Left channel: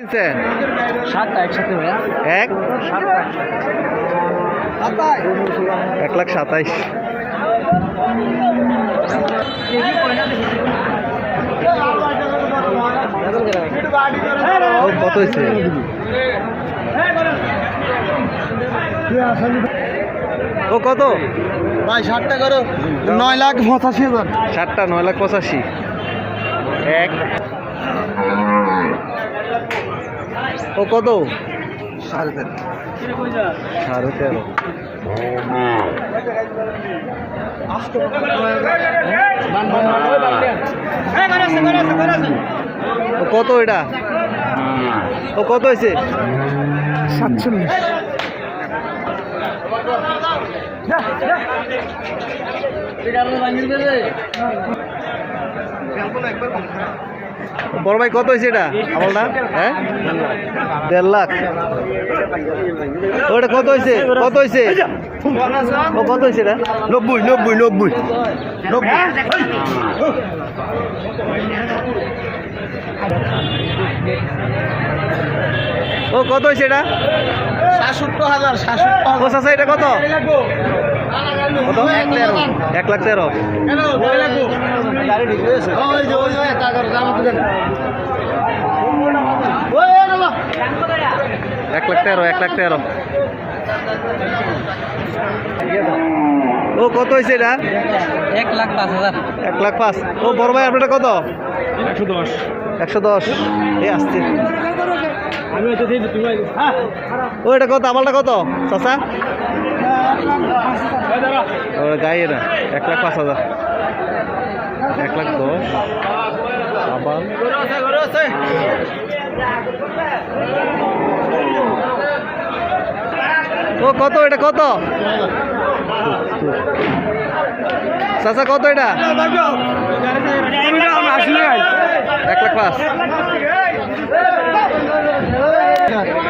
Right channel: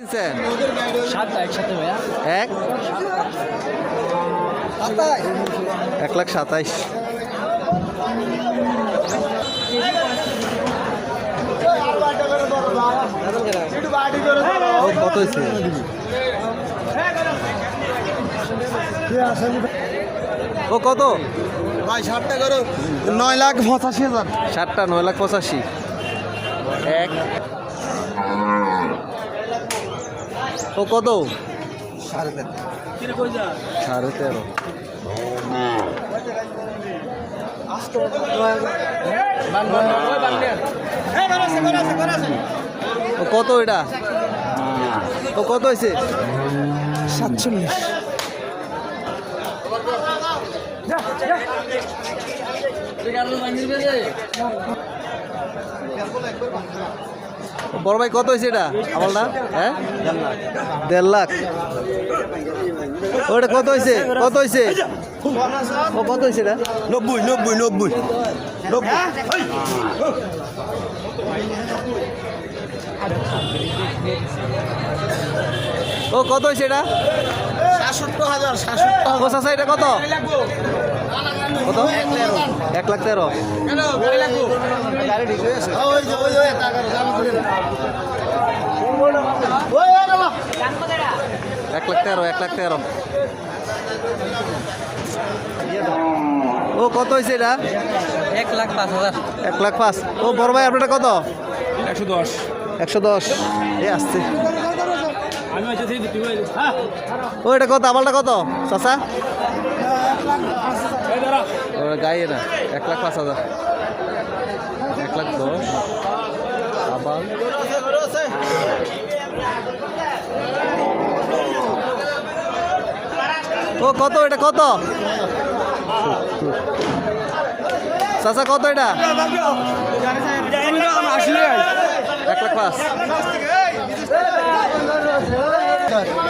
কিনছেন? সাতটা একসাথে ভাইয়া। এক 1,27,000। ও কত হয়েছে? ও কত ভাই 60 করো 9,85,000। 7টা 9,85,000। এক ও কত? 13.5। ও কত এটা? ও কত হয়েছে? 47। বড় ভাই কত হয়েছে এটা আমলটা? হ্যাঁ 1.5 লাখ। ওটা কত হয়েছে? কত হয়েছে? ও কত হয়েছে এটা? 90। ও কত হয়েছে এটা? 67,000। ও চাচা এটা কত? 1,13,000। এক লাখ তেরো। ও কত হয়েছে এটা? 1,05,000। 1,05,000। ও বড় ভাই আপনারটা কত? 110। 110। এই আসছে। আমি হচ্ছে ও এটা কত? আমালটা কত চাচা? ও গায়ে না 1,05,000। 1,10,000 আবার ও কত? এটা কত চাচা? কত এটা? 1,05,000।